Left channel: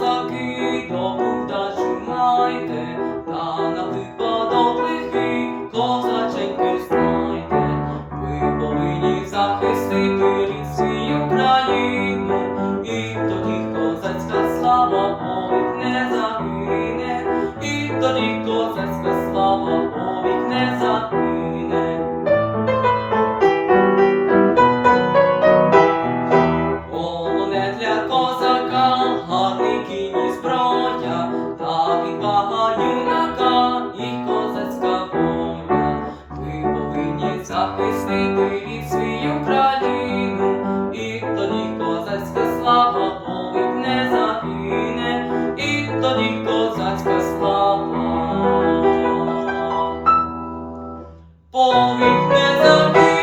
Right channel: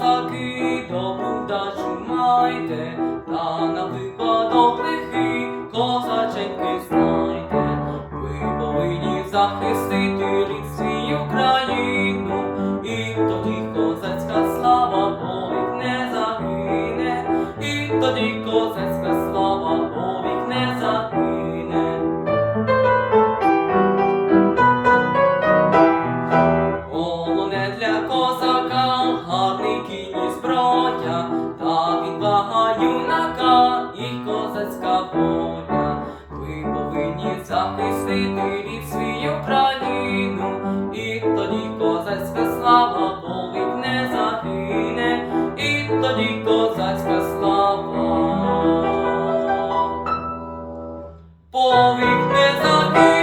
козаки, добру дачу майте, та на випадок козаченьки. Юнака і козацька воля. Ви повинні захистити від свою країну, і тоді козацька слава повік не загине, і тоді козацька слава. Повік не загине.